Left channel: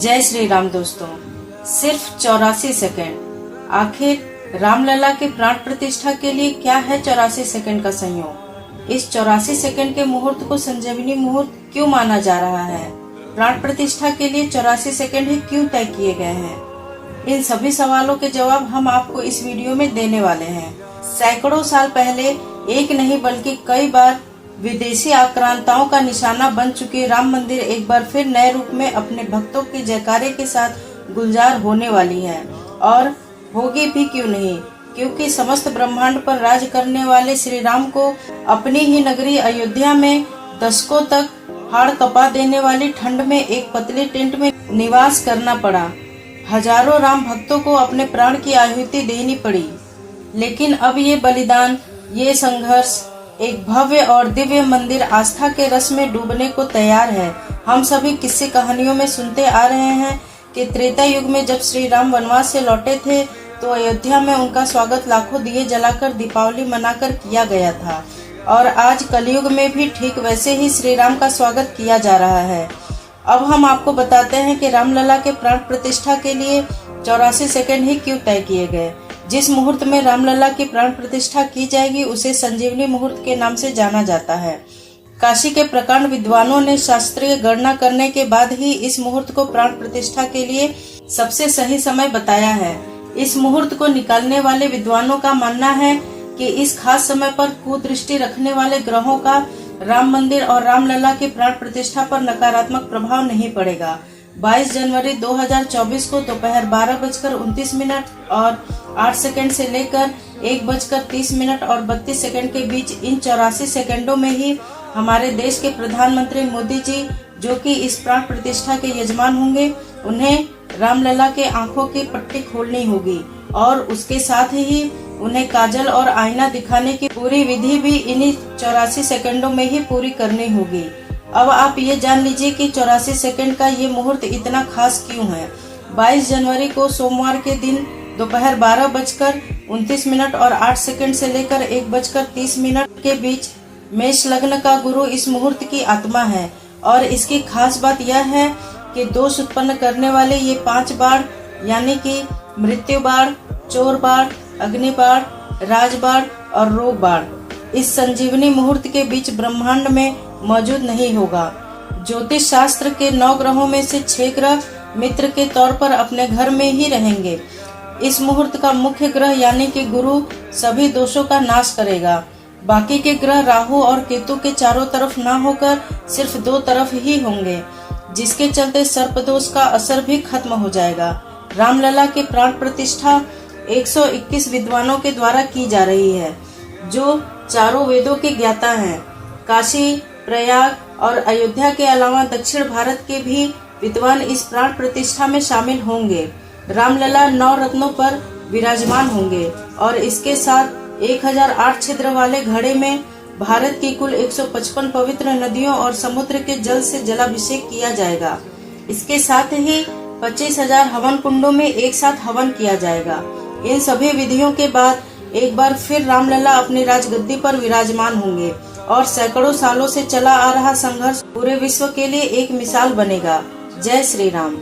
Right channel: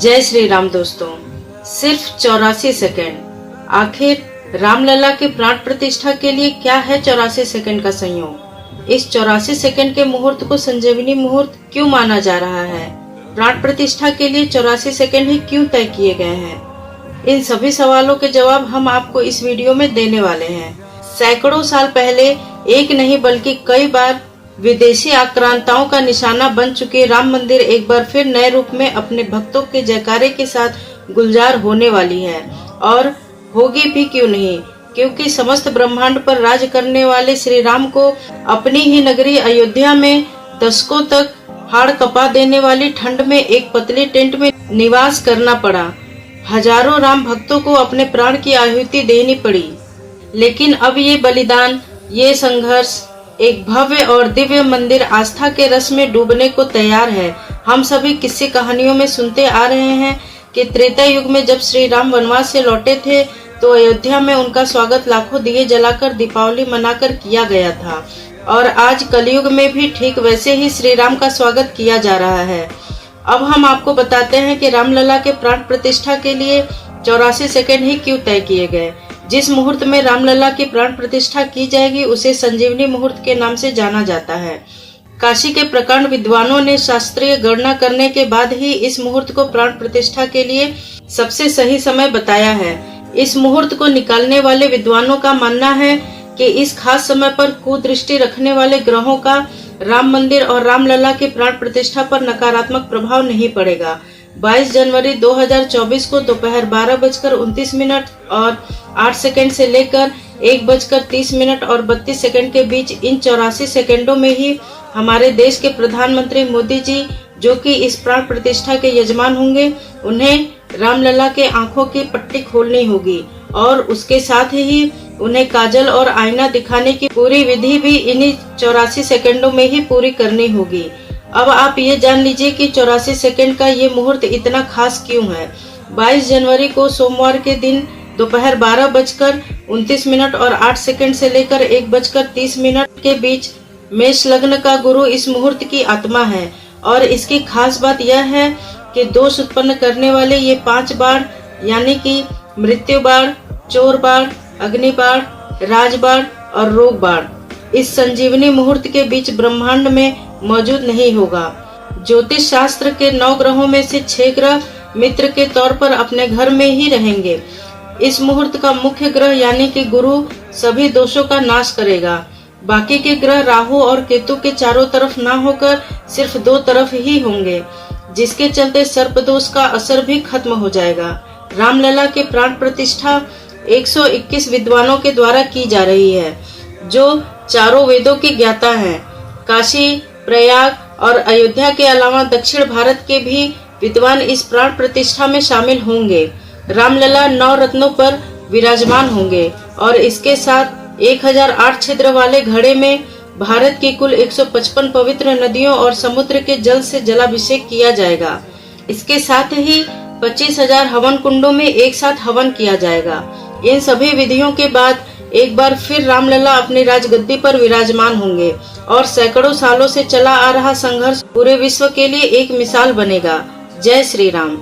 जय श्री राम दोस्तों। सिर्फ 84 सेकंड। आखिर रामलला के प्राण प्रतिष्ठा के लिए क्या है 84 सेकंड का संयोग? इस 84 सेकंड के मुहूर्त को संजीवनी मुहूर्त क्यों माना जा रहा है? प्राण प्रतिष्ठा के लिए 84 सेकंड ही क्यों तय किए गए हैं? इन सभी सवालों के जवाब हम आपको इस वीडियो में देने वाले हैं। सैकड़ों साल पहले एक नहीं बल्कि कई बार विदेशी आक्रांताओं का निशाना बन चुके राम मंदिर एक बार फिर नए रूप में अपने भक्तों के जयकारे के साथ गुलजार होने वाली है। और होगी भी क्यों नहीं, क्योंकि समस्त ब्रह्मांड पर राज करने वाले श्री राम को अपनी ही नगरी अयोध्या में दशकों तक हाड़ कपा देने वाली ठंड में एक पतली टेंट में निवास करना पड़ा। हजारों राम भक्तों को अपने प्राण की आहुति देनी पड़ी। लेकिन अब ये बलिदान, ये संघर्ष एक भव्य और दिव्य मंदिर आस्था के रस में डूबने को तैयार है। हम सभी किस्से कहानियों में सुनते आ रहे हैं कि त्रेता युग में जब श्री राम वनवास से लौटे थे तो अयोध्या में उनका स्वागत लाखों दिए जलाकर दीपावली मनाकर किया गया था। और आज कलयुग में भी ठीक वैसे ही श्री राम का स्वागत किया जा रहा है। अब हम आपको बताते हैं कि रामलला के प्राण प्रतिष्ठा के लिए 84 सेकंड ही क्यों तय किए गए। जिस मुहूर्त में रामलला की प्राण प्रतिष्ठा की जाएगी उसे संजीवनी मुहूर्त के नाम से जाना जाता है। काशी के प्रकांड विद्वानों ने शास्त्रीय गणना करने के बाद ही इस मुहूर्त को प्राण प्रतिष्ठा के लिए सबसे सही समय बताया है। इस मुहूर्त को निकालने वाले विद्वानों का मानना है कि इस खास समय पर कुदृष्टि रखने वाले ग्रहों का राम मंदिर और रामलला की प्राण प्रतिष्ठा पर नकारात्मक प्रभाव नहीं पड़ेगा। 22 जनवरी 2024 को दोपहर 12:29 और 8 सेकंड से लेकर 1:30 और 32 सेकंड के बीच इन 84 सेकंडों में ही हमारे देश के प्रधानमंत्री मोदी जी, जो कि इस प्राण प्रतिष्ठा के यजमान होंगे, उन्हें रामलला के आंखों की पट्टी खोलनी होगी और उसके साथ ही उन्हें काजल और आईना दिखाने की पूरी विधि भी इन्हीं 84 सेकंडों में ही पूरी करनी होगी। अब आप ये जान लीजिए कि 84 सेकंड का ये मुहूर्त इतना खास क्यों है। 22 जनवरी को सोमवार के दिन दोपहर 12:29 और 8 सेकंड से लेकर 1:30 के बीच मेष लग्न का गुरु इस मुहूर्त की आत्मा है। और इसकी खास बात यह है कि दोष उत्पन्न करने वाले ये 5 बाण यानी कि मृत्यु बाण, चोर बाण, अग्नि बाण, राज बाण और रोग बाण इस संजीवनी मुहूर्त के बीच ब्रह्मांड में मौजूद नहीं होगा। ज्योतिष शास्त्र के 9 ग्रहों में से 6 ग्रह मित्र के तौर पर अपने घर में ही रहेंगे। इस मुहूर्त का मुख्य ग्रह यानी कि गुरु सभी दोषों का नाश करेगा। बाकी के ग्रह राहु और केतु के चारों तरफ ना होकर सिर्फ 2 तरफ ही होंगे, जिसके चलते सर्प दोष का असर भी खत्म हो जाएगा। रामलला की प्राण प्रतिष्ठा 121 विद्वानों के द्वारा की जा रही है, जो चारों वेदों के ज्ञाता हैं। काशी, प्रयाग और अयोध्या के अलावा दक्षिण भारत के भी विद्वान इस प्राण प्रतिष्ठा में शामिल होंगे। रामलला 9 रत्नों पर विराजमान होंगे और इसके साथ 1008 छिद्र वाले घड़े में भारत की कुल 155 पवित्र नदियों और समुद्र के जल से जलाभिषेक किया जाएगा। इसके साथ ही 25,000 हवन कुंडों में एक साथ हवन किया जाएगा। इन सभी विधियों के बाद एक बार फिर रामलला अपनी राजगद्दी पर विराजमान होंगे और सैकड़ों सालों से चला आ रहा संघर्ष पूरे विश्व के लिए एक मिसाल बनेगा। जय श्री राम।